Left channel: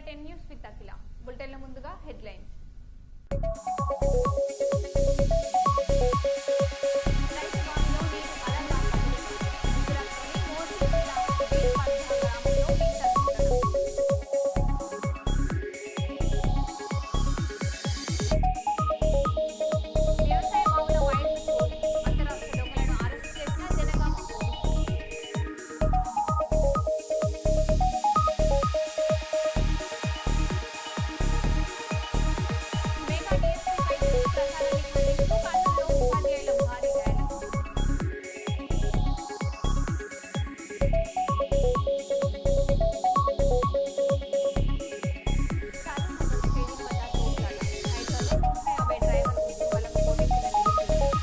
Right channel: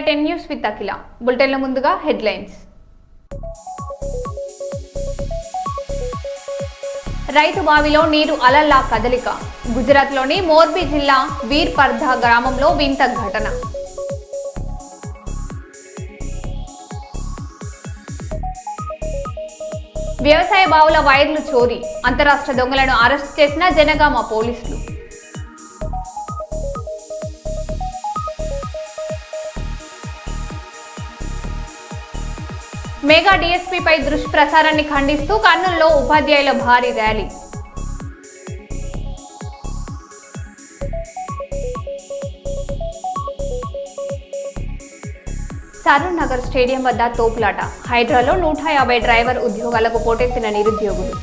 India 10 News with Akila. బులెటిన్ల ముందుగా headlines. రైతు బావిలో నీరు అలల్లా కదలిక. గుజరాత్లోని మోర్బీ జిల్లా వీర్పర్ధా గ్రామంలో వింత ఘటన. వ్యవసాయ బావుల వైర్లు చోరీ. అంతరాష్ట్ర దొంగలను అరెస్ట్ చేసిన జనగామ పోలీసులు. మెగా డీఎస్పీపై దుష్ప్రచారాన్ని ఖండిస్తూ కర్నూలులో ఉపాధ్యాయుల భారీ ర్యాలీ. సరూర్ నగర్ స్టేడియం వద్ద తోపులాట. హైదరాబాద్లో 150 డ్రైవర్ ఉద్యోగాలకు పోటెత్తిన నిరుద్యోగులు.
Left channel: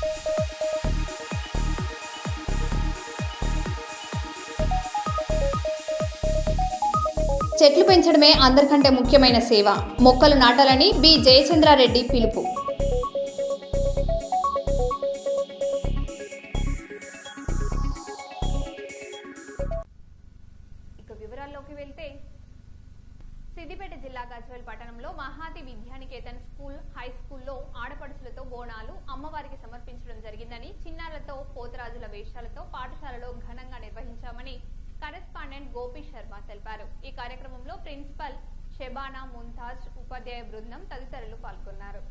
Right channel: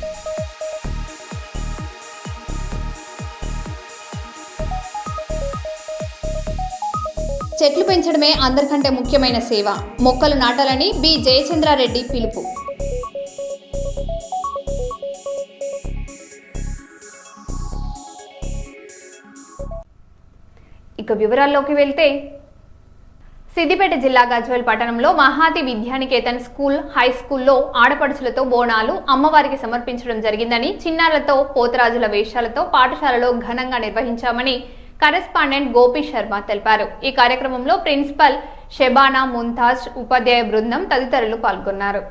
చెట్లు పెంచడమే అందరికంటే ముఖ్యమైన సేవ. మొక్కలు నాటాలని బి జయచంద్రారెడ్డి పిలుపు. ఇక వివరాల్లోకి వెళ్తే, సిద్దిపేట జిల్లా గజ్వేల్ పట్టణంలో మహాతి విద్యానికేతన్ స్కూల్ హై స్కూల్లో ఆడపడుచులతో బోనాలు అమ్మవారికి సమర్పించడం జరిగిందని, చిన్నారులతో పోతరాజుల వేషాలతో పాఠశాలలో ఘనంగా నిర్వహించామని కరెస్పాండెంట్ గోపి శర్మ తెలిపారు. ఈ కార్యక్రమంలో ప్రిన్సిపల్ షెబానా ముంతాజ్, ఉపాధ్యాయ బృందం తదితరులు పాల్గొన్నారు.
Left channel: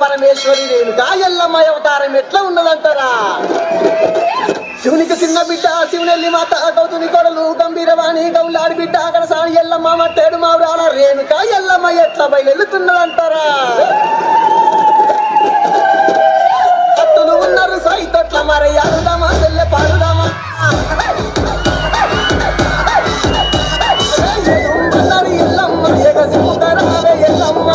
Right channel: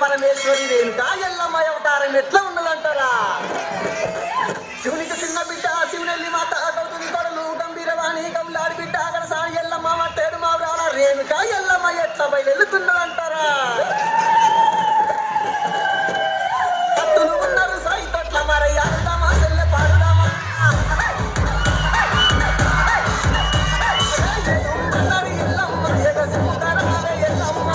పరమేశ్వరి రేణుకా ఎల్లమ్మ అవతారం ఎట్లా ఉన్నదంటారా? శివునికి చిన్న బిడ్డ శివనెల్లి మాత గౌతుని కొడలు గంభీరవాణి గౌలాడి బిడ్డ అక్కడ సాని ఎల్లమ్మ మట్టేడు మావురాల రేణుక ఎల్లమ్మ ఎట్లా బయలుతున్నారంటారా భక్తులు ఉన్నారు సైతొట్ల మరయ్యాడుదామా చెల్లె పాడుదామా ఎల్లమ్మ ఎగసిముతారావే ఎల్లమ్మ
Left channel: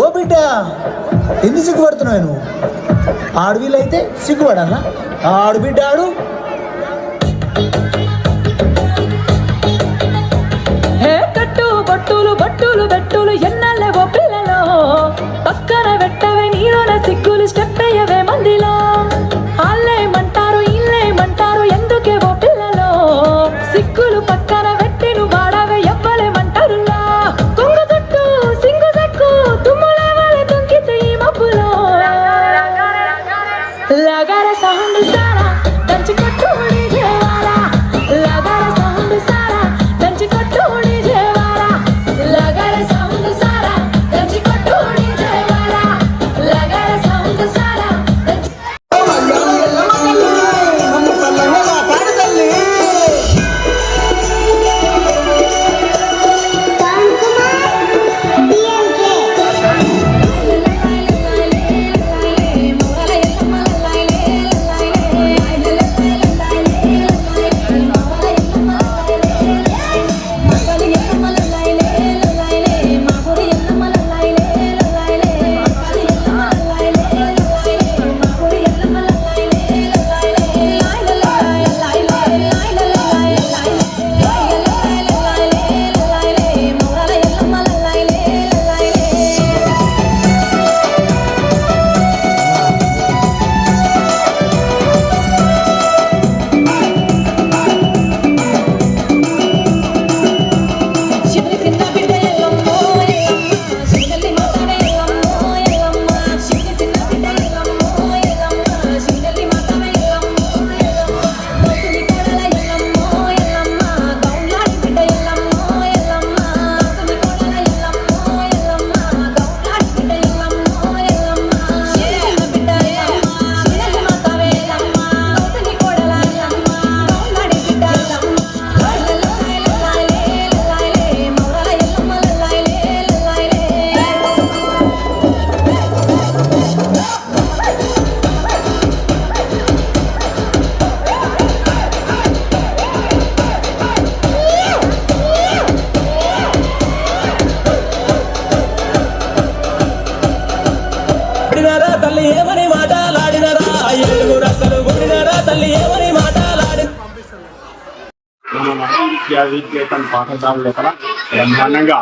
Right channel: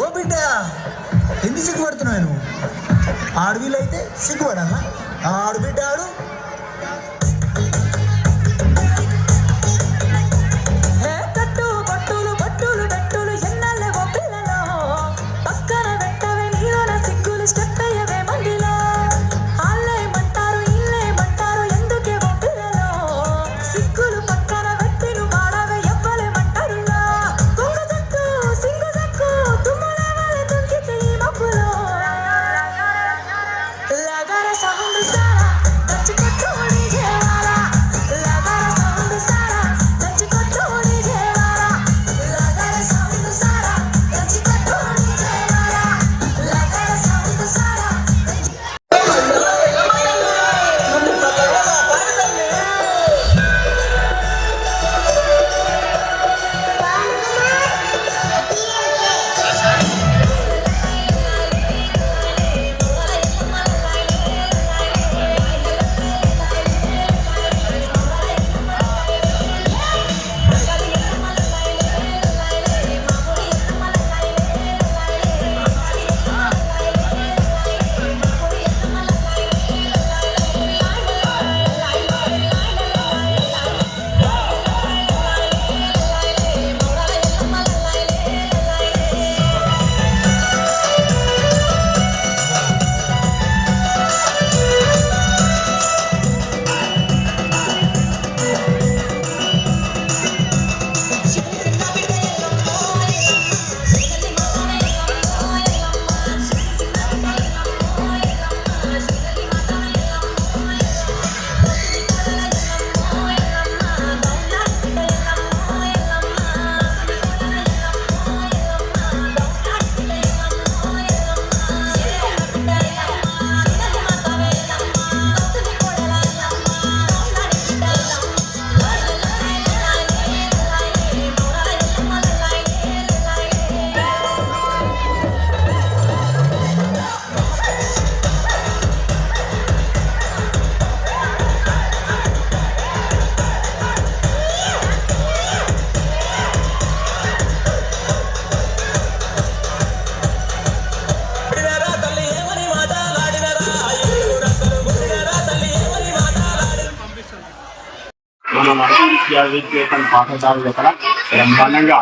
ఓ బిడ్డ ఎందుకు సిగ్గుపడుతున్నావు నువ్వు ఆడవిలైతే సిగ్గుపడాలా ఆడు బిడ్డ ఆడు బట్టులు బట్టులు బెట్టులు ఎన్నెల్లవో పిల్లలో పక్కన పెట్టవే నీలోన సిగ్గులు స్టెప్ అయ్యవే మందిలో ఆళ్ళేమంటారు ఇల్లేమంటారు ఎందుకేవో పిల్లలో సిగ్గులు పక్కన పెట్టి నువ్వు వాడవే ఎవ్వలేమంటారులా తుంగ జట్టు సింగు జక్కు తుమ్ములే వాళ్ళ తొంగితే ఈ మబ్బులో లగర సౌండ్ సారా దంచి కొట్టు డీజేవారా లగర సౌండ్ సారా దంచి కొట్టు డీజేవారా లగర సౌండ్ సారా దంచి కొట్టు డీజేవారా లగర సౌండ్ సారా దంచి తల్లి ఏమని మాటలాడినరా ఏడుగురు రక్కలు గుడినరా తల్లి ఏమని మాటలాడిన మన విద్యావిద్యేతన్ పాఠశాల దగ్గర బ్రహ్మాండంగా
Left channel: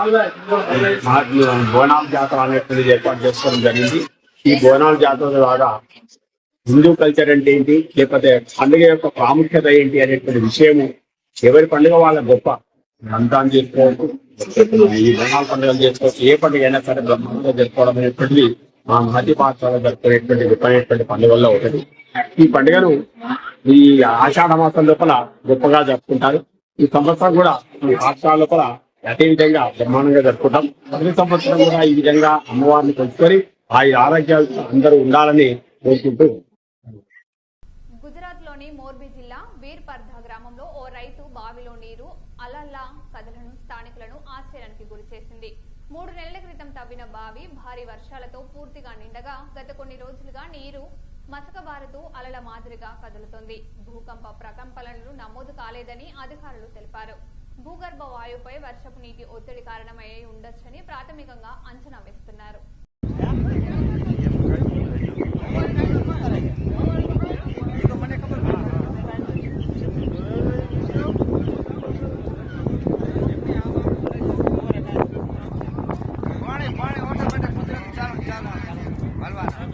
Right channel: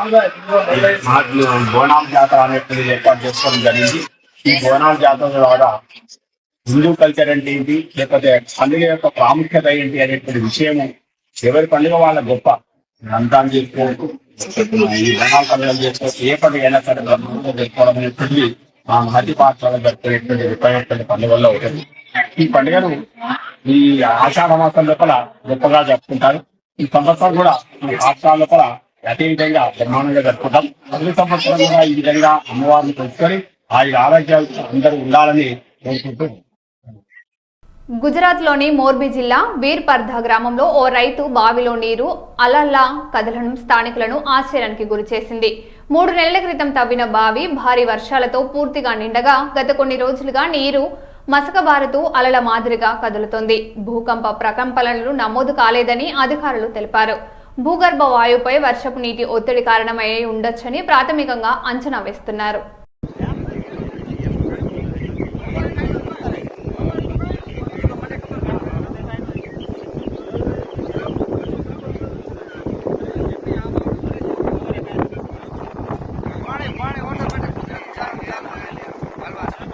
బోనాల జాతర అనేటువంటిది ఏర్పాటు చేసుకోవడం జరిగింది. ఈ బోనాల జాతర ద్వారా హిందూ కల్చర్ అంటే ఏంటి, లేకపోతే పండుగ యొక్క ప్రాముఖ్యత ఏంటి అనేటువంటి విషయము ఎవరి పండుగ వాళ్ళ గొప్ప రంజాన్ చేసుకోవచ్చు, ఈ బోనాల పండుగలు చేసుకోవచ్చు, ఏ పండుగ అయినా సరే బ్రహ్మాండంగా జరుపుకోవడం అనేటువంటిది మా మహతి పాఠశాల జరుపుకునేటువంటి గొప్పైనటువంటి పండుగల్లో ఒకటి. ఈ పండుగను ఈ ఆషాఢ మాసం లోపల గొప్పగా జరుపుకుంటారు. ఈ సంవత్సరం కూడా ఈ పాఠశాల లోపల అదే విధంగా బ్రహ్మాండంగా జరుపుకుంటాం. ప్రతి సంవత్సరం కూడా ఈ విధంగా అమ్మవారిని కొలుసుకొని ఆ ఆరోగ్యాలు అందరూ ఉండాలని కోరుకుంటూ గుజరాత్లోని మోర్బీ జిల్లా వీర్పర్ధా గ్రామంలో ఓ రైతు బావిలో నీరు అలల్లా కదలడం స్థానికులను ఆశ్చర్యానికి గురిచేసింది. 3 నెలల క్రితం తవ్విన బావి భారీ వర్షాలతో పూర్తిగా నిండగా గత కొన్ని రోజులుగా నీరు మసకబారుతూ అలల మాదిరిగా కదులుతోంది. భూకంప ప్రకంపనలు నమోదు కాలేదని అధికారులు తెలిపారు. భూగర్భ వాయువుపై వర్షపు నీటి ఒత్తిడి కారణమై ఉండొచ్చని ప్రాథమికంగా అంచనా వేస్తున్నారు. पानी पानी और बैठो चल चल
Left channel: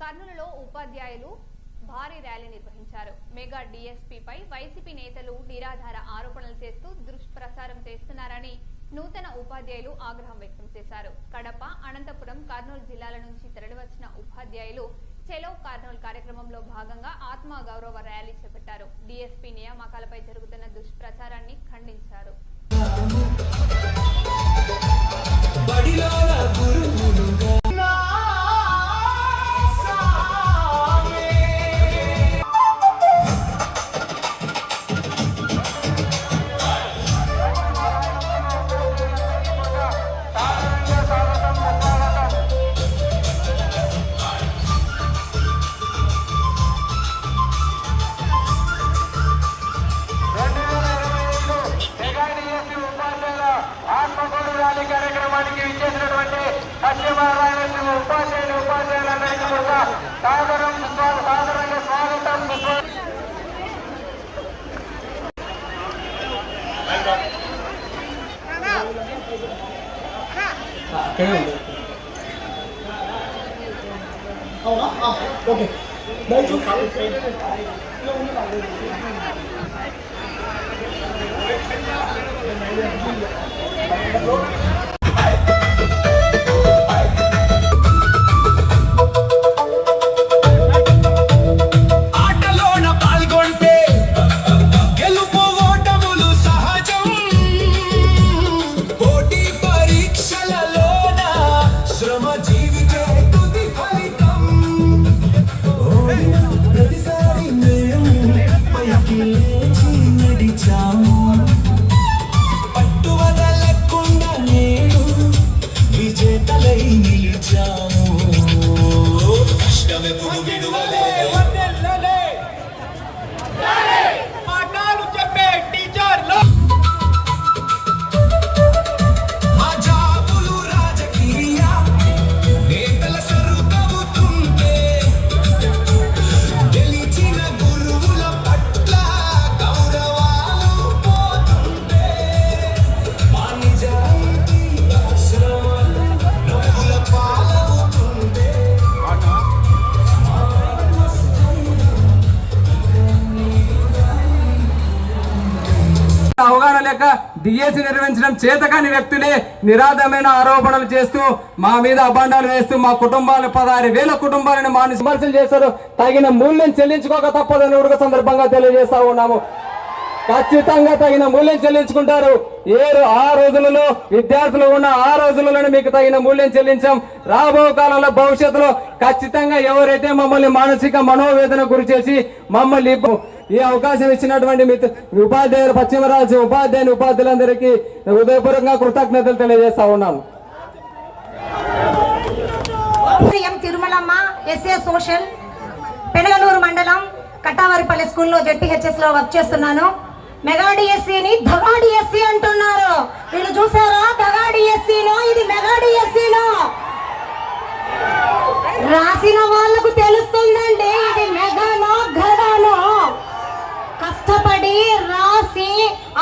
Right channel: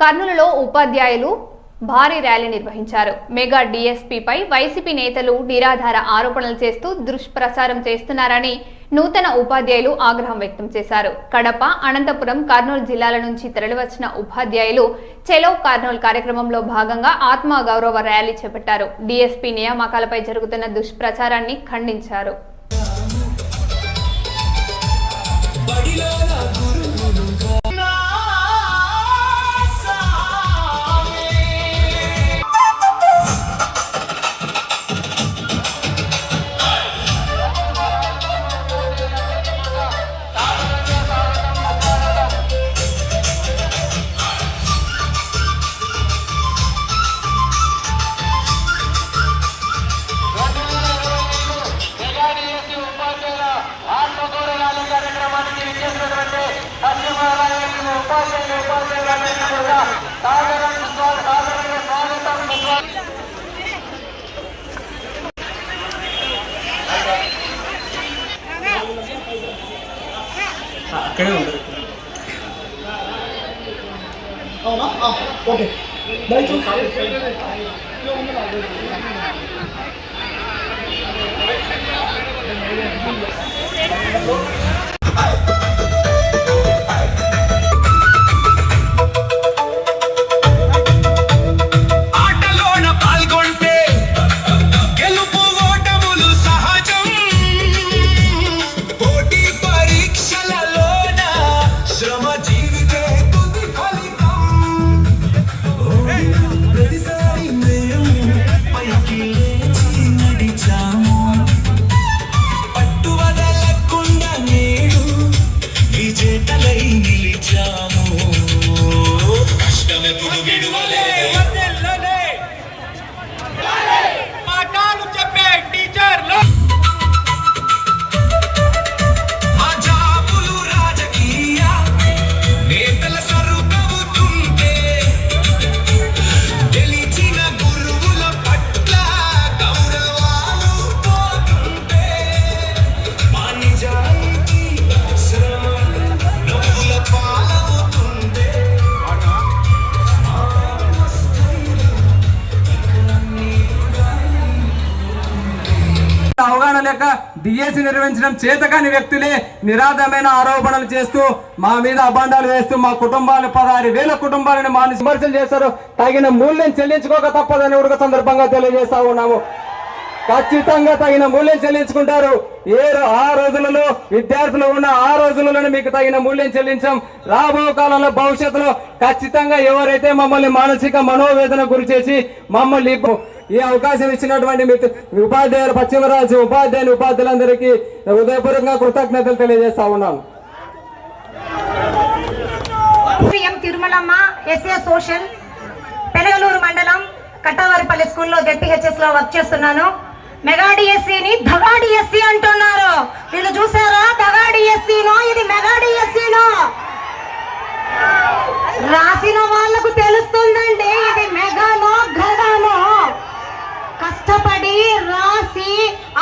కర్నూలులో ఉపాధ్యాయులు భారీ ర్యాలీ నిర్వహించారు. మెగా డీఎస్పీపై వైసీపీ నేతలు నిరాధార ఆరోపణలు చేస్తూ దుష్ప్రచారం చేస్తున్నారని నూతన ఉపాధ్యాయులు ఆగ్రహం వ్యక్తం చేశారు. కడప, అనంతపురం, కర్నూలు జిల్లాల నుంచి తరలివచ్చిన ఉపాధ్యాయులు చెలో కర్నూలు కార్యక్రమంలో భాగంగా ఆత్మ గౌరవ ర్యాలీ చేపట్టారు. డీఎస్పీ నియామకాలపై జరుగుతున్న దుష్ప్రచారాన్ని ఖండించారు. ఆటలోన పాల్గొంటే గెలుపు ఓటములు సహజం. పోటీ పరీక్షలలోన శ్రమ జీవితే తుది ఫలితం. ప్రతిసారి మేము పైకి లేచి నడిచాము. పట్టువదలకుండా నేడు విజేతలై నిలిచాము. కష్టమెప్పుడు విడువలే పాఠాలు చెప్పే టీచర్లు. మా జాబులు రాజకీయ నేతల సరుకవుతుంటే గెలిచిన గురువుల పట్ల గౌరవాలు పోతుంటే మా నిజాయితీ శ్రమలు నవ్వుల పాలవుతుంటే అవగాహన లేక డిఎస్సి నిర్వహించడం చేతకాని వ్యక్తులే నిరాధమైన ఆరోపణలు చేస్తూ మా మీద అభాండాలు వేస్తూ మా కుటుంబాలు 16,000 కుటుంబాలను మాని విమర్శలు చేశారు. తగిన మూల్యం చెల్లించుకోక తప్పదని ఉడక సందర్భంగా తెలియజేస్తా ఉన్నాము. ఖచ్చితంగా తగిన మూల్యం చెల్లించుకుంటారు. ఆ రోజులలో విద్యార్థులు ఉన్న ఆ రోజులలోనే మీకు తగిన మూల్యం చెల్లించాం. రాబో కాలంలో భవిష్యత్తులో ఖచ్చితంగా ఎవరైతే మమ్మల్ని మానసిక మనోవేదన గురి చేసి మమ్మల్ని ఈ అవకాశం ఇచ్చినటువంటి ఉపాధ్యాయులు, పశ్చిమరాజు ఉపాధ్యాయులందరికీ హృదయపూర్వకంగా కృతజ్ఞతలు తెలియజేస్తా ఉన్నాను. తిరుమలమ్మ, ఎస్ఏ సోషల్, పెనగలూరు మండలం కట్టావారిపల్లి స్కూల్లో జెడ్పీహెచ్ఎస్ లో వర్క్ చేస్తున్నాను. మెగా డిఎస్సీని దగా డిఎస్సీ అంటున్నారు. వీళ్ళు చూసారా? దగా డిఎస్సీనో ఇది మెగా డిఎస్సీనో రాసిన వాళ్లకు తెలుస్తుందండి ఇది మెగానో గడానో. కష్టపడి రాసి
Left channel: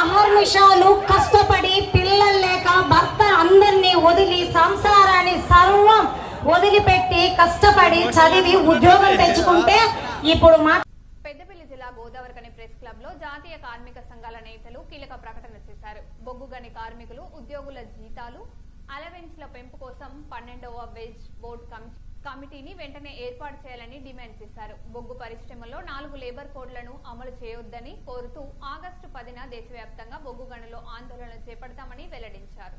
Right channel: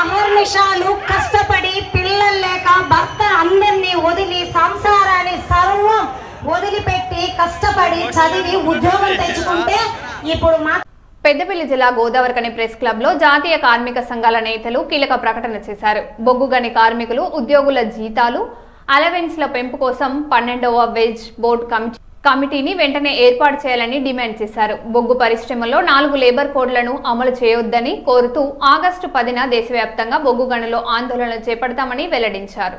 అహర్నిశాలు కష్టపడి పిల్లలు లేక భర్త అందరినీ వదిలి సంసారాన్ని సర్వం వదిలిపెట్టి కష్టపడి చదివి ఉద్యోగం తెచ్చుకుంటే ఇప్పుడు పెద్దపల్లి జిల్లా గోదావరికని ప్రెస్ క్లబ్ లో జాతీయ కార్మిక సంఘాల నేతలు కీలక ప్రకటన చేశారు. బొగ్గుగని కార్మికులు ఉద్యోగుల జీతాలు, అలవెన్స్ల పెంపు కోసం 12వ వేజ్ బోర్డు కమిటీని వెంటనే ఏర్పాటు చేయాలని డిమాండ్ చేశారు. బొగ్గు పరిశ్రమలో 4 లేబర్ కోడ్లను అమలు చేయొద్దని కోరుతూ ఆగస్టు 10న దేశవ్యాప్తంగా బొగ్గు గనులో ఆందోళనలు చేపడతామని వెల్లడించారు.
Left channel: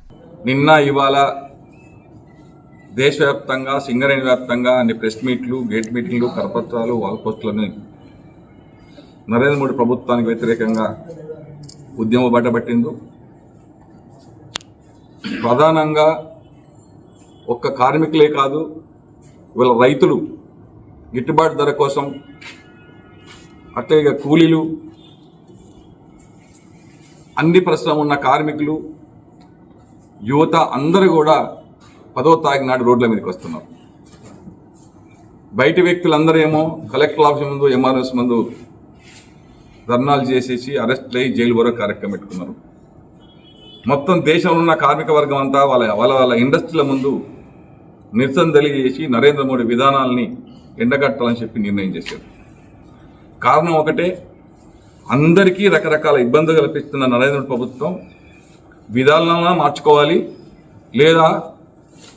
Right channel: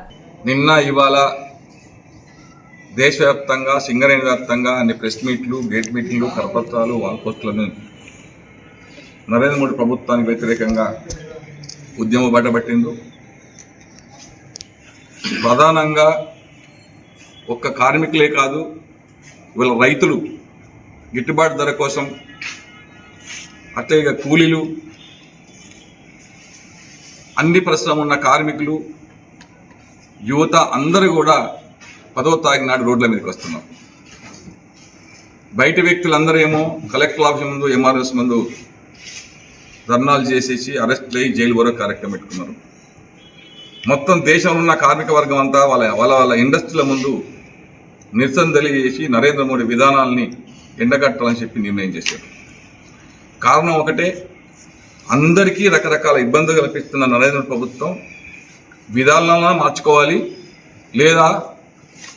నిన్న ఇవాళ దేశవ్యాప్తంగా సింగరేణి వ్యాప్తంగా అన్ని ప్రెస్ మీట్లు, గేట్ మీటింగ్లు, కరపత్రాలు, వాల్ పోస్టులను నరేంద్ర మోడీ ప్రభుత్వానికి వ్యతిరేకంగా ఉద్యమం బయటపట్టింది. ప్రధానంగా ఒక్క కార్మికులే కాదు, ఇవాళ రైతులు గిట్టుబాటు ధర కోసం, అట్లాగే కూలీలు, అన్ని పరిశ్రమ ఉన్న కార్మికులు, యువత అందరూ కూడా 10వ తారీఖు నాడు రోడ్ల మీదకి వస్తున్నారు. బయట వ్యక్తులందరూ ఏమో కలెక్టర్ ఆఫీస్ ముందు, ఎంఆర్ఎస్ ముందు ధర్నాలు చేసేసి అరెస్ట్ అయ్యి జైలు వరకు కార్యక్రమం పెట్టుకున్నారు. మొత్తం దేశంలో ఉన్న కార్మిక వర్గం అంతా వాళ్ళ ఇండస్ట్రీల ముందు నిరసన తెలియజేసి నరేంద్ర మోడీ విధానాలని ఎండగట్టాలని చెప్పి నిర్ణయం చేశారు. కారణం ఒకటే, అందరికీ రకరకాల ఇబ్బందులు కల్పిస్తున్న నరేంద్ర ప్రభుత్వం విధానాలను మార్చుకోవాలి, లేదా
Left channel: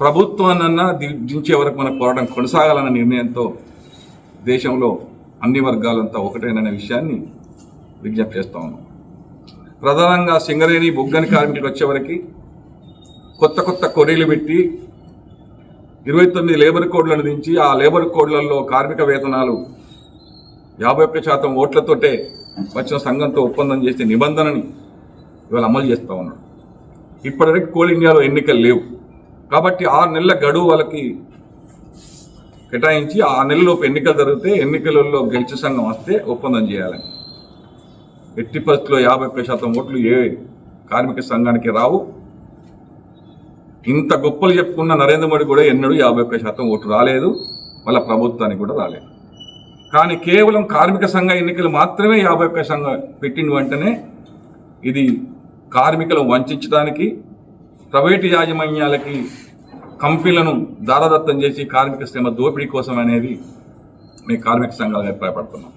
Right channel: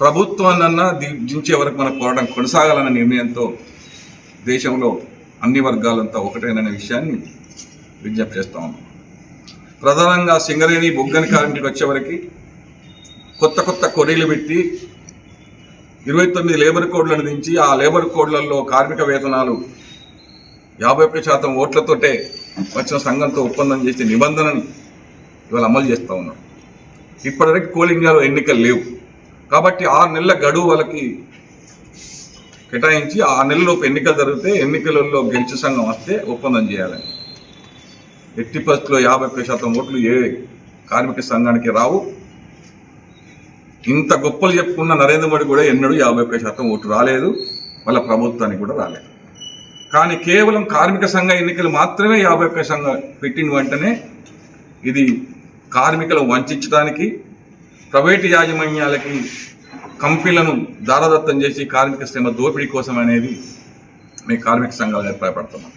ప్రభుత్వాన్నన్నా దించే వరకు మన పోరాటం కొనసాగాలన్న నిర్ణయంతో దేశంలో అన్ని వర్గాలంతా ఒకటేననే విషయాన్ని విజ్ఞప్తి చేస్తా ఉన్నాం. ప్రధానంగా సింగరేణి బొగ్గని కార్మికులకు వచ్చేవరకు కొత్త కొత్త కొరీలు పెట్టి 29 లేబర్ కోడ్లను దించి ఆ లేబర్ కోడ్లలో కార్మిక వేతనాలు 51% ఓట్లతోటే వచ్చిన సంఘంతో ఒప్పందం చేసే నిబంధనని ఇవాళ అమలు చేస్తూ ఉన్నాడు. ఇప్పటివరకు కోల్ ఇండియాలో ఎన్నికలు లేవు కాబట్టి 6 నెలల గడువు వాళ్ళకి కేటాయించి ఆ నెలలోపు ఎన్నికలు జరిగితే ఎన్నికలలో గెలిచే సంఘం వస్తే ఒప్పందం చేయాలని. ఎట్టి పరిస్థితుల్లో 51% ఓట్లు ఏ కార్మిక సంఘానికి రావు. ఇంత గొప్పలు చెప్పుకున్న నరేంద్ర మోడీ కూడా ఎన్నడూ 51% ఓటు రాలేదు, వాళ్ళ ప్రభుత్వానికి కూడా రాలేదు. కానీ కేవలం కార్మిక సంఘ ఎన్నికలు మాత్రమే 51 సంఘం పెట్టిన వెంటనే ఇది కార్మికులను వంచడానికి, ప్రైవేటు యాజమాన్యాలకి కంపెనీలను దారదత్తం చేసి కార్మిక శ్రమ దోపిడీ కోసం అనేది మేము కార్మిక సంఘాలు అభిప్రాయపడుతున్నాం.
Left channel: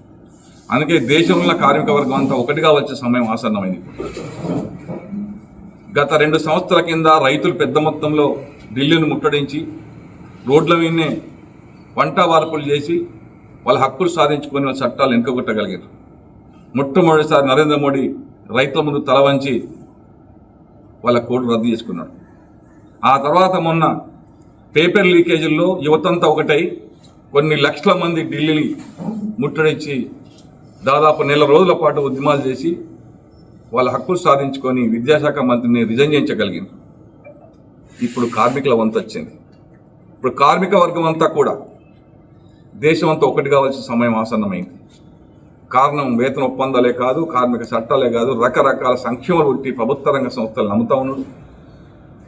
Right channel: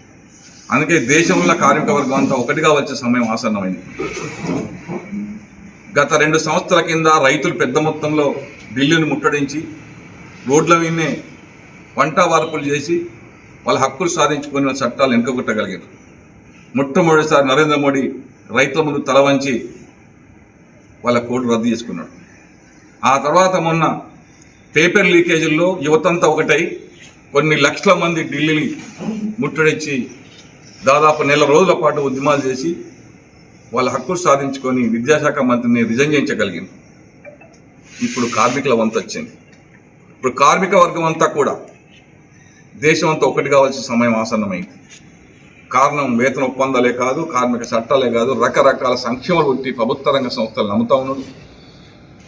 అందుకే దేశంలో కార్మిక వర్గం అంతా ఒకటిగా వచ్చే సమయం ఆసన్నమైంది. గత 2 సంవత్సరాల కింద రైతులు పెద్ద మొత్తంలో ఢిల్లీని ముట్టడించి రోడ్ల మీదనే వంట వార్పులు చేసి వాళ్ళ హక్కులు సాధించుకుని వాళ్ళ చట్టాలు వెనుకగొట్టగలిగారు. మొట్టమొదటిసారి నరేంద్ర మోడీ రైతుల ముందు తల వంచి వాళ్ళ కోడ్ రద్దు చేసుకున్నాడు. ఆ తర్వాత మొన్న పేపర్ లీకేజీల్లో యువతంతా ఒకటై కొన్ని లక్షల మంది ఢిల్లీని ముట్టడించి దాదాపు 1 నెల రోజుల పాటు ఉద్యమాలు చేసి వాళ్ళ హక్కులు సాధించుకొని విద్యాశాఖ మంత్రిని రిజైన్ చేయించగలిగింది. ఇప్పుడు కార్మికుల వంతు వచ్చింది. ఇప్పుడు కార్మిక వర్గం అంతా కూడా దేశం అంతా ఒకటి కావాల్సిన సమయం ఆసన్నమైంది. కారణం వేతన ఒప్పందాలే కాదు, కార్మిక చట్టాలే కాదు, రకరకాల సంక్షేమాలు ఉంటే ప్రభుత్వ రంగ సంస్థలు నమ్ముతా ఉన్నాడు.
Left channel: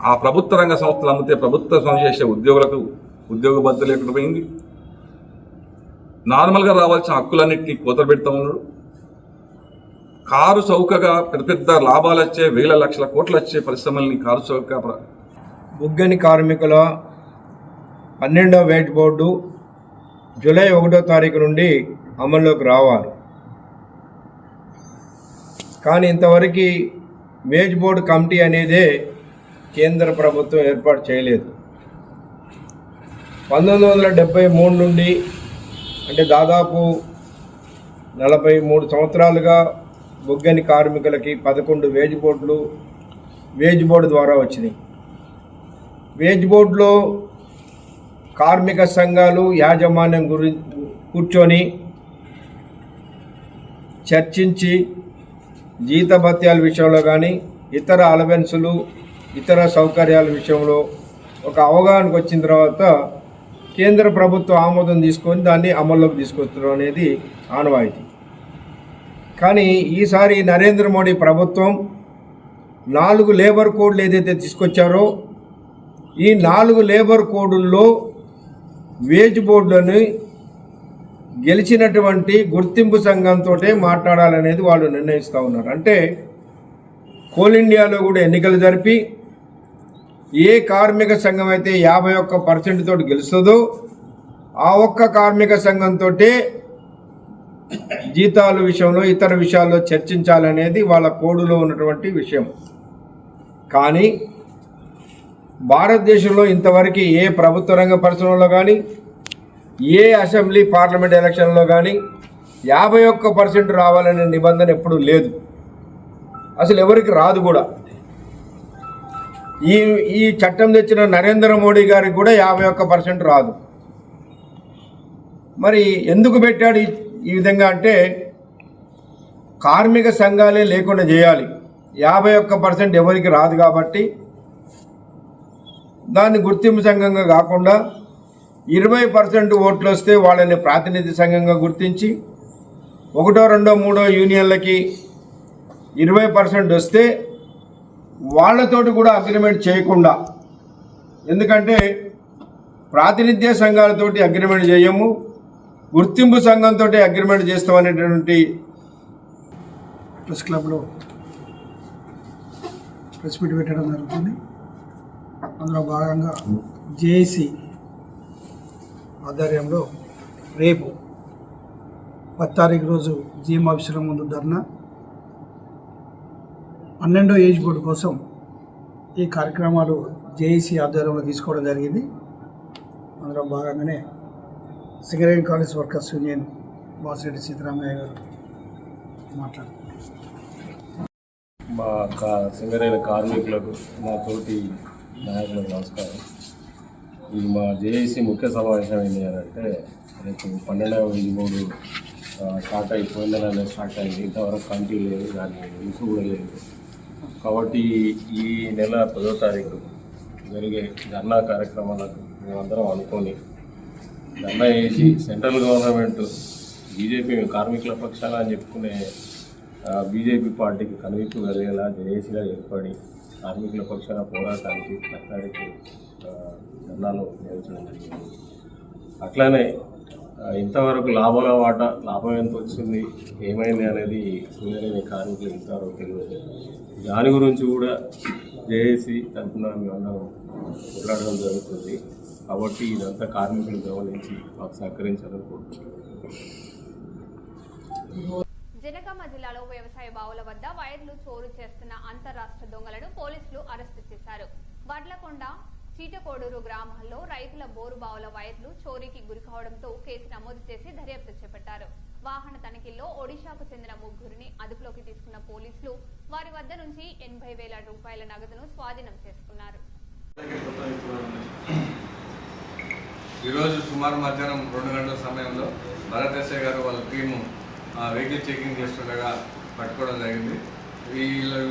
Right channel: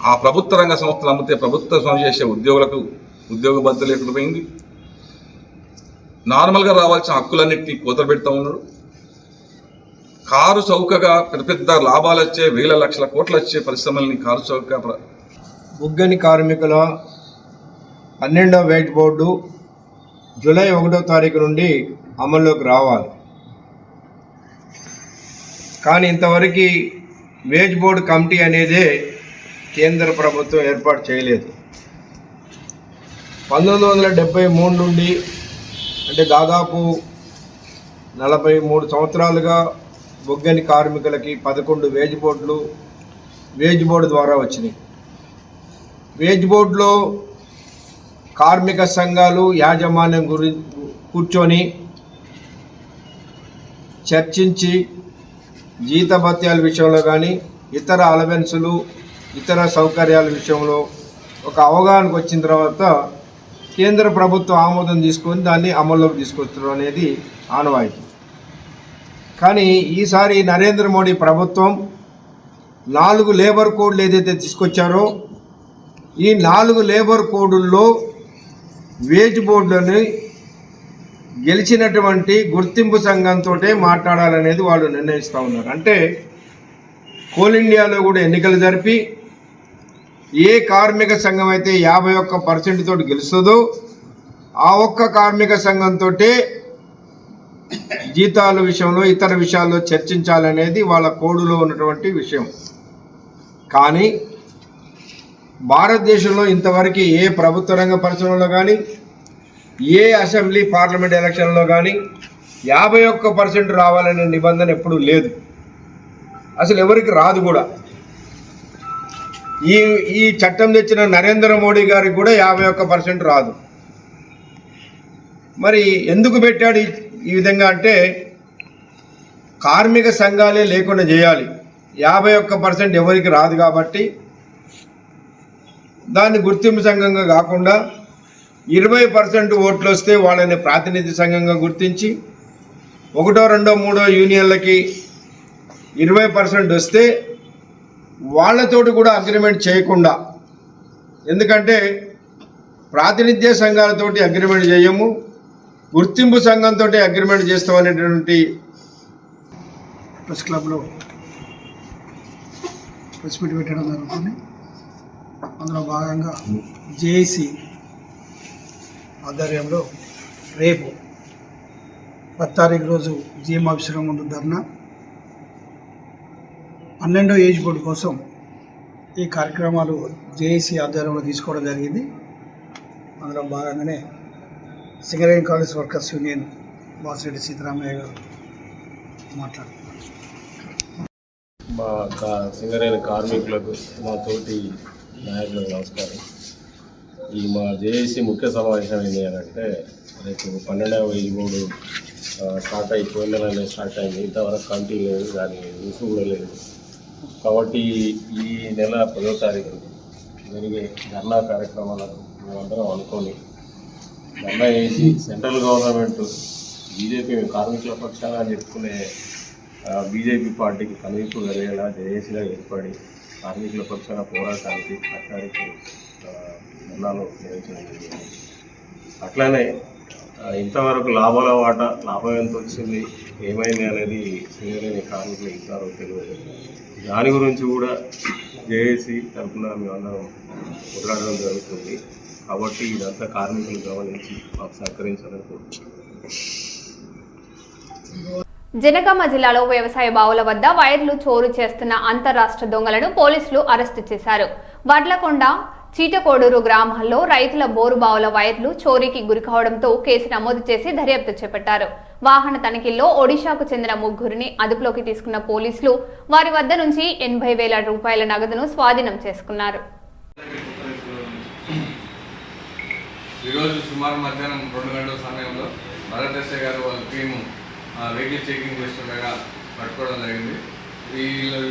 ఆ ప్రభుత్వ రంగ సంస్థలు నమ్మితే ప్రభుత్వం చేసే ఉద్యోగులకు ఉద్యోగ భద్రత లేకుండా పోయింది. నార్మల్గా రావాల్సిన హక్కులన్నింటినీ కోతలు పెడతా ఉన్నాడు. కారు చౌకగా పెద్ద పెద్ద లాభాలు వచ్చే 1,000 లక్షల కోట్లు వచ్చే పరిశ్రమల్ని కారు చౌక బొగ్గని కార్మికుల 12వ వేజ్ బోర్డు జూలై 1వ తారీఖు నుండి అమల్లోకి రావాలి. కానీ ఇంతవరకు వేజ్ బోర్డు కమిటీ అనేదే కేంద్ర ప్రభుత్వం ఏర్పాటు చేయలేదు. 1973 నుండి అంటే దాదాపు 43 సంవత్సరాలుగా బొగ్గని కార్మికులకి 11 వేజ్ బోర్డు ద్వారా వచ్చినాయి. వేజ్ బోర్డులో కార్మిక సంఘాలు యాజమాన్యం కూర్చొని చర్చించి జీతభత్యాల విషయంలో కానీ ఇతర అలవెన్సులు ఇతర సౌకర్యాల విషయంలో ఒక అవగాహనకు వచ్చిన తర్వాత కేంద్ర ప్రభుత్వం ఆమోదం తీసుకొని దాన్ని అమల్లోకి తీసుకొచ్చడం అనేది ఆనవాయితీ. కానీ ఈసారి నరేంద్ర మోడీ ప్రభుత్వం 4 లేబర్ కోడ్లు ఏదైతే తీసుకొచ్చారో ఈ 4 లేబర్ కోడుల్లో వేజ్ బోర్డులను గెలిచినటువంటి గుర్తింపు సంఘంతో మాట్లాడాలనేది వాళ్ళు నిర్ణయిస్తూ ఉన్నారు. అంటే కోల్ ఇండియాలో కూడా ఎన్నికలు జరిపి ఏ కార్మిక సంఘం అయితే 51% తోటి గెలుస్తుందో ఆ ఒక్క కార్మిక సంఘంతో జీతాల విషయంలో ఇతర విషయాల్లో చర్చించాలనేది వాళ్ళ కోడులో ఉన్నటువంటి విషయం. కానీ భారతదేశంలో ఇంతవరకు ఏ ప్రభుత్వ రంగ పరిశ్రమలో కానీ ఏ అసెంబ్లీ పార్లమెంట్ ఎలక్షన్లో కానీ 51% రావాలనే నిబంధన ఎప్పుడూ లేదు, అసలు ఎవరికి రాదు కూడా. ఈ చట్టం తెచ్చిన నరేంద్ర మోడీ గారికి కూడా 51% రాదు. మరి ఎందుకు పెట్టాడు ఈ విధంగా అంటే కార్మిక సంఘాలే లేకుండా చేయాలి. 51% ఎవరికి రాదు కాబట్టి దాన్ని గుర్తింపు సంఘంగా కాకుండా 20% ఓట్లు వస్తే వాళ్ళని ప్రాతినిధ్య సంఘంగా గుర్తించి 1, 2, 3 యూనియన్లకి 20% వస్తే వాళ్ళతోటి కూడా అగ్రిమెంట్ చేయకుండా, ఎందుకంటే ప్రాతినిధ్య సంఘాలతోటి అగ్రిమెంట్ చేయము, గుర్తింపు సంఘంతో అగ్రిమెంట్ చేస్తామనేటువంటి ప్రెస్ క్లబ్లో ప్రెస్ మీట్ పెట్టడం జరుగుతుంది. అందులో భాగంగా జేఏసీ ఆధ్వర్యంలో రేపు 10 తారీఖు రోజు జీఎం ఆఫీసుల ముందు ధర్నా 12వ ఏజ్ బోర్డు కోసం ఈ కార్యక్రమాలు జేఏసీ ఆధ్వర్యంలో తీసుకోవడం జరిగింది. అందులో భాగంగానే Singareni college workers union Vasireddy Seetharamaiah గారు మాట్లాడుతున్నారు. మా సింగరేణి కార్మికులకు మా తోటి నాయకులకు నమస్కారం. ఈ మా జేఏసీ ముఖ్య సమావేశం ఏంటి అని అంటే రేపు 12వ ఏజ్ బోర్డు స్టార్ట్ అయిపోయిన నెలనే స్టార్ట్ అయింది. ఇంతవరకు కమిటీ లేదు, దాని న్యూస్ కూడా లేదు. కాబట్టి ఈ నెల 10వ తారీఖు జరిగే ధర్నా కార్యక్రమాలకు మేమందరం అనుకొని ధర్నా చేసి సెంట్రల్ గవర్నమెంట్ బీజేపీ కార్మికుల పక్షాన అని చెప్పుకునే బీజేపీ పార్టీకి కనువిప్పు కలిగేలా జేఏసీగా ఏర్పడి కార్మికుల పక్షాన పోరాటానికి సర్కారికి ధర్నాలు నిర్వహించడం జరిగింది. అట్లానే ఇంతవరకు లాభాల వాటా లాభం ఎంత వచ్చింది, ఏమైంది అనేది సింగరేణి కార్మికులు ఇంతవరకు తెలియదు. దాని గురించి కూడా జేఏసీ తరఫున మేమందరం పోరాడడం జరుగుతుంది. కాబట్టి ఇదంతా కార్మికులు గమనించి మాకు సహకరించాలని కోరుకుంటున్నాం. జనగామ జిల్లాలో వ్యవసాయ బావుల వద్ద వైర్లు చోరు చేస్తున్న అంతర్రాష్ట్ర దొంగలను పోలీసులు అరెస్టు చేశారు. వడ్లకొండ, చీటకోడూరు గ్రామాల్లో రైతుల బోరు బావుల వైర్లు చోరీకి గురికావడంతో కేసు నమోదు చేసి దర్యాప్తు చేపట్టారు. వాహన తనిఖీల్లో ఒడిశాకు చెందిన 3గురిని అదుపులోకి తీసుకున్న పోలీసులు వారి వద్ద నుంచి 80,000 రూపాయల నగదును స్వాధీనం చేసుకున్నారు. ఈరోజు సుమారు మధ్యాహ్నం 2 గంటల సమయంలో భరత్ ఎస్ఐ గారు వాళ్ళ టీము వెహికల్ చెకింగ్ చేస్తుండగా పట్టుకోవడం జరిగింది. ఈ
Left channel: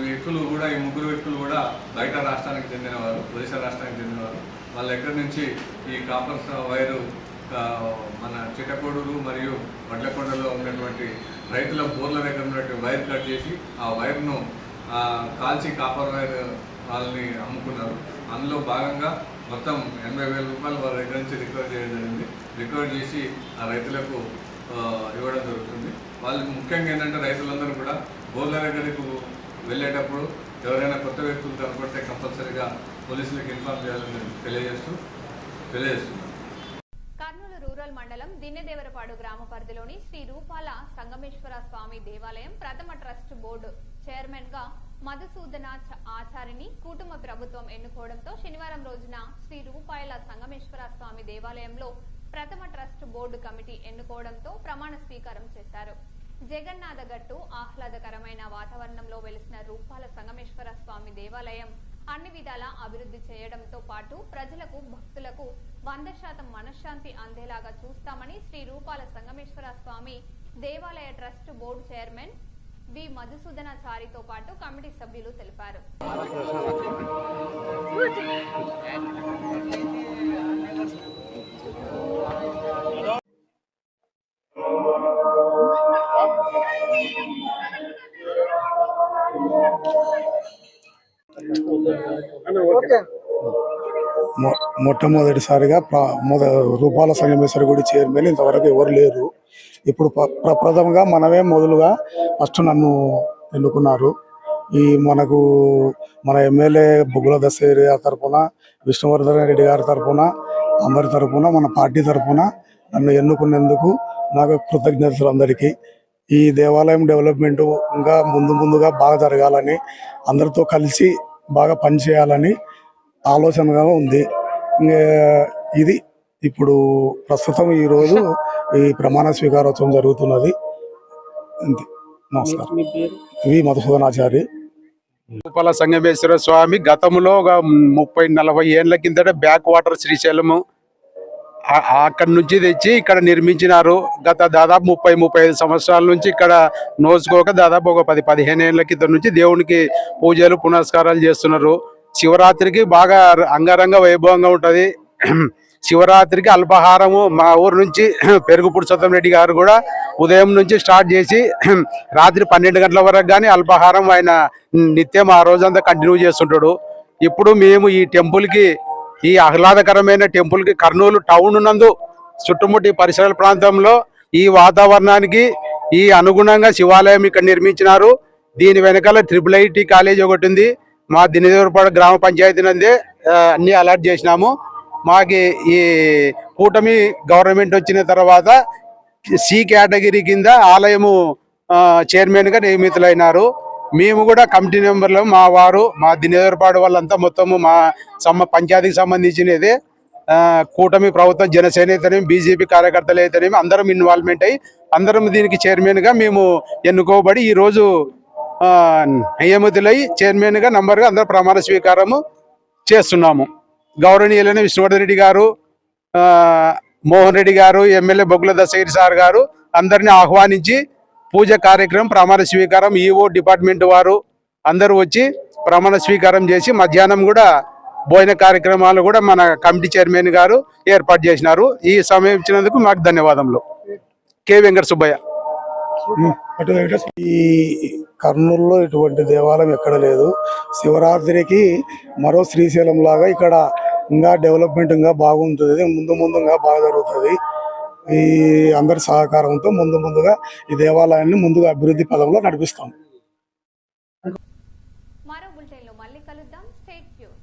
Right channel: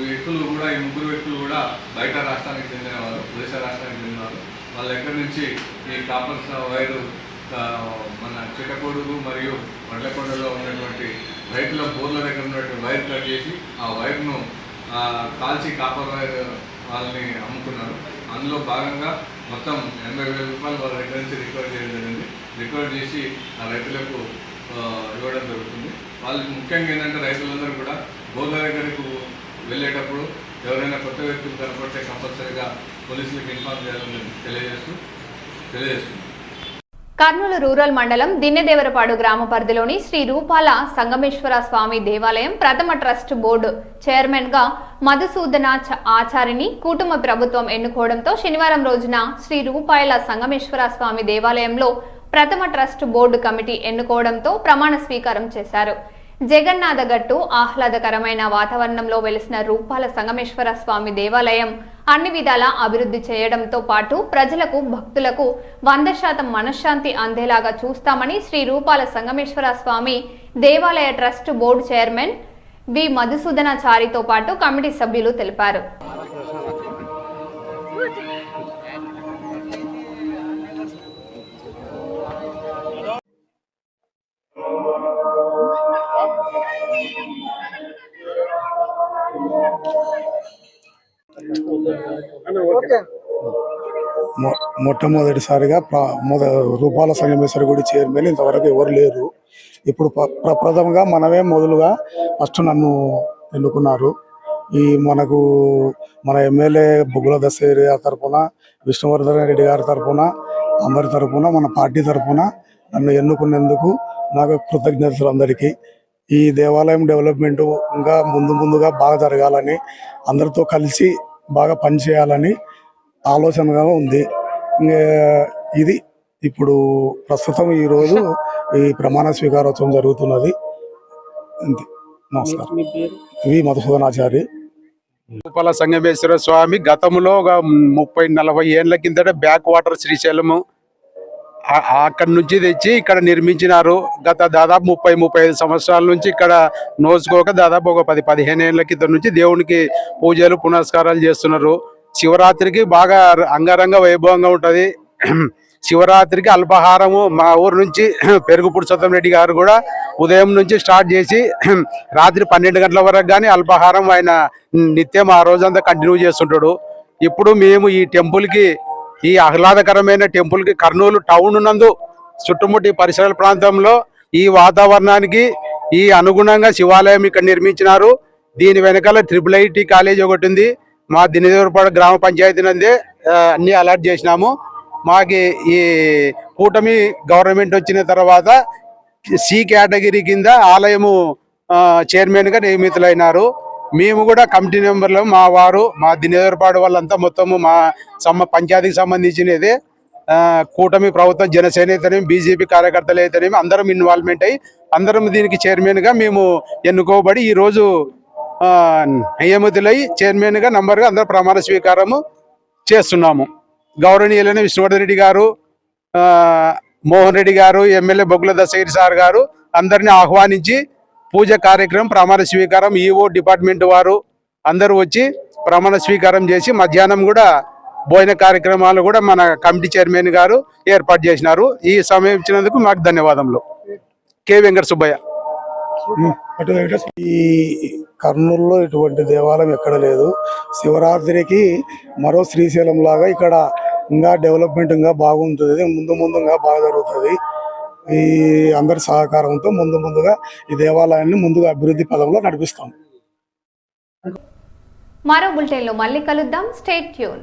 వ్యక్తులు కూడా, ఈ 3 వ్యక్తులు కూడా బయట రాష్ట్రానికి చెందినవారు, ఒడిశా రాష్ట్రానికి చెందినవారు. వాళ్ళ దగ్గర నుంచి ఈ కాపర్ వైరు మన చిట్టకోడూరు మరియు వడ్లకొండలో ఉన్నటువంటి రైతుల బోర్ల దగ్గర ఉన్నటువంటి వైర్ కట్ చేసి ఆ వైర్ను కాల్చి కాపర్ వైర్ వాళ్ళని అమ్ముకున్నారు. అందులో భాగంగా మొత్తం 80,000 రూపాయలు వాళ్ళ దగ్గర నుంచి రికవర్ చేయడం జరిగింది. రికవర్ చేసి ఆ రైతులకు ఇవ్వడం జరుగుతుంది. వాళ్ళు ముఖ్యంగా ఏంటంటే రైతులందరూ కూడా బోర్ల దగ్గరకు వెళ్ళేటప్పుడు ఎవరైనా కొత్త వ్యక్తులు కనపడితే కంపల్సరీగా పోలీసులకు ఇన్ఫార్మ్ చేయాలని తెలియజేస్తున్నాం. కర్నూలు రూరల్ మండలం దిన్నెదేవరపాడు గ్రామ పరిధిలోని శ్రీ రూపాల సంగమేశ్వర స్వామి దేవాలయం ప్రథమ ట్రస్ట్ బోర్డు చైర్మన్ గా మధుసూదన ఆచారిని కుటుంబ ప్రభుత్వం ఎన్నుకోవడంతో శనివారం రోజున శ్రీ రూపాయల సంగమేశ్వర స్వామి దేవాలయంలో ప్రథమ ట్రస్ట్ బోర్డు కమిటీ ఎన్నుకోవడంతో ప్రమాణ స్వీకారం చేశారు. జగన్నాథ గట్టు ఆహ్లాదకరమైన వాతావరణంలో వెలిసిన రూపాల సంగమేశ్వర స్వామి దేవాలయం అన్ని విధాలా అభివృద్ధి చేయడంతో పాటు ప్రజలకు, భక్తులకు 100% మనశ్శాంతి అందేలాగా చూస్తామని శ్రీ రూపాల సంగమేశ్వర స్వామి దేవాలయ ట్రస్ట్ బోర్డు చైర్మన్ వి మధుసూదనాచారితో పాటు కమిటీ సభ్యులు తెలిపారు. మొట్టమొదటిసారిగా రూపాల సంగమేశ్వర గుడి చైర్మన్ ఇంతవరకు ఎవరు లేరు. ఇప్పుడు ప్రప్రథమంగా మనమే మొదలుగా ఫస్ట్ నన్ను ఎన్నుకున్నారు. ఈ మన ఎమ్మెల్యే బుగ్గుల దశేరి తరఫున, విష్ణువర్ధన్ రెడ్డి గారి తరఫున, అందరి తరఫున, మన పార్టీ తరఫున నన్ను ఎన్నుకున్నందుకు నాకు కృతజ్ఞతలు అందరికీ. ఈ దేవాలయం డెవలప్మెంట్ ఇంకా ముందుగా బాగా జరగాలని, అందరితో కలిసి బాగా పనిచేయాలని ఆలోచనగా ఉంది. ఇది ఇప్పుడు ప్రస్తుతం ఈరోజు ఈ ప్రమాణ స్వీకారోత్సవం జరుగుతున్నది. అంతే. నమస్కారం. వి మధుసూదనాచారి. రూపాల సంగమేశ్వర స్వామి గతంలో 30-40 ఏళ్ల కిందట బ్యాక్ వాటర్ శ్రీశైలము అక్కడి నుంచి తెచ్చి ఇక్కడ నిర్మించినారు. గత దాదాపు 30-35 సంవత్సరాల నుంచి ఇక్కడ నోచుకోక దాదాపు ఒక 10-15 ఏళ్ల కింద నుంచి దేవునికి పూజలు పునస్కారాలు చేస్తున్నారు. శివరాత్రికి బాగా అంగరంగ వైభవంగా ఉంటుంది. శివరాత్రికి అల్పాహారము మా ఊరు నుంచి పెరుగు పురుషోత్తం రెడ్డి గారు కూడా ఉదయం నుంచి స్టార్ట్ చేసి రాత్రి 12 గంటల వరకు కానీ అల్పాహారం ఆయన నిత్యం ఆ రోజంతా కంటిన్యూ చేస్తుంటాడు. ఇప్పుడు మేము ఈ టెంపుల్కి, ఈ ఆహ్లాదకరమైన టెంపుల్కి కర్నూలు టౌన్ నందు చుట్టుముట్టి పరిసర ప్రాంతంలో ఈ వాతావరణానికి ఈ అనుగుణంగా శివాలయం ఇక్కడ నిర్మించినారు. దీని వెనకాల IIIT కాలేజ్ ఒకటి ఉంది. మా దిన్నెదేవరపాడు గ్రామ పంచాయతీ నందే అన్ని అలాట్ చేసినాము. మాకి ఈ కూటమి గవర్నమెంట్ వచ్చిన తర్వాత సి కేటగిరీ కింద ఆలయము చైర్మన్గా నియమితులైనారు. మేము కూడా కమిటీ మెంబర్లు, మా వారు, మా దినేదరపాడు వాళ్ళంతా మొత్తము మా పంచాయతీకి సంబంధించినదే. కూటమి ప్రభుత్వం, జనసేన అయితేనేమి, బీజేపీ కార్యకర్తలు అయితేనేమి అందరం ఇన్వాల్వ్మెంట్ అయ్యి అందరం దీనికి చైర్మన్గా మేము ఎన్నుకోబడి ఈరోజు నియమితులై చైర్మన్గా నంబర్గా అందరూ ప్రమాణ స్వీకారము చేస్తున్నాము. గౌరవనీయులైన విష్ణువర్ధన్ రెడ్డి గారు, మోహన్ రెడ్డి గారు, ఎమ్మెల్యే బొగ్గుల దశగిరి సార్ గారు అందరినీ ఆహ్వానించి పూజ కార్యక్రమం, ప్రమాణ స్వీకారం, ఈఓ డిపార్ట్మెంట్ వారు అందరూ వచ్చి ప్రమాణ స్వీకారం చేసి మధ్యాహ్నం కూడా భోజన కార్యక్రమాలు కూడా మన కమిటీ చైర్మన్ గారు ఏర్పాటు చేసినారు. ఈ సమయం ఇచ్చినందుకు మాకు ధన్యవాదములు. కె వెంకట సుబ్బయ్య. ఈ కర్నూలులో ఇటువంటి దేవాలయం ఎక్కడ లేదు. శివరాత్రికి మరో శ్రీశైలం లాగా ఇక్కడ ఇంకా డెవలప్మెంట్ ఇంకా బాగుంటుంది, ముందుగా బాగా జరుగుతుంది. ఈ అందరి సహకారంతో ముందుగా ఈ దేవాలయాన్ని ముందుగా అభివృద్ధి పదంలో నడిపిస్తాం. మరో బులెటిన్లో మళ్ళీ కలుద్దాం. Stay tune.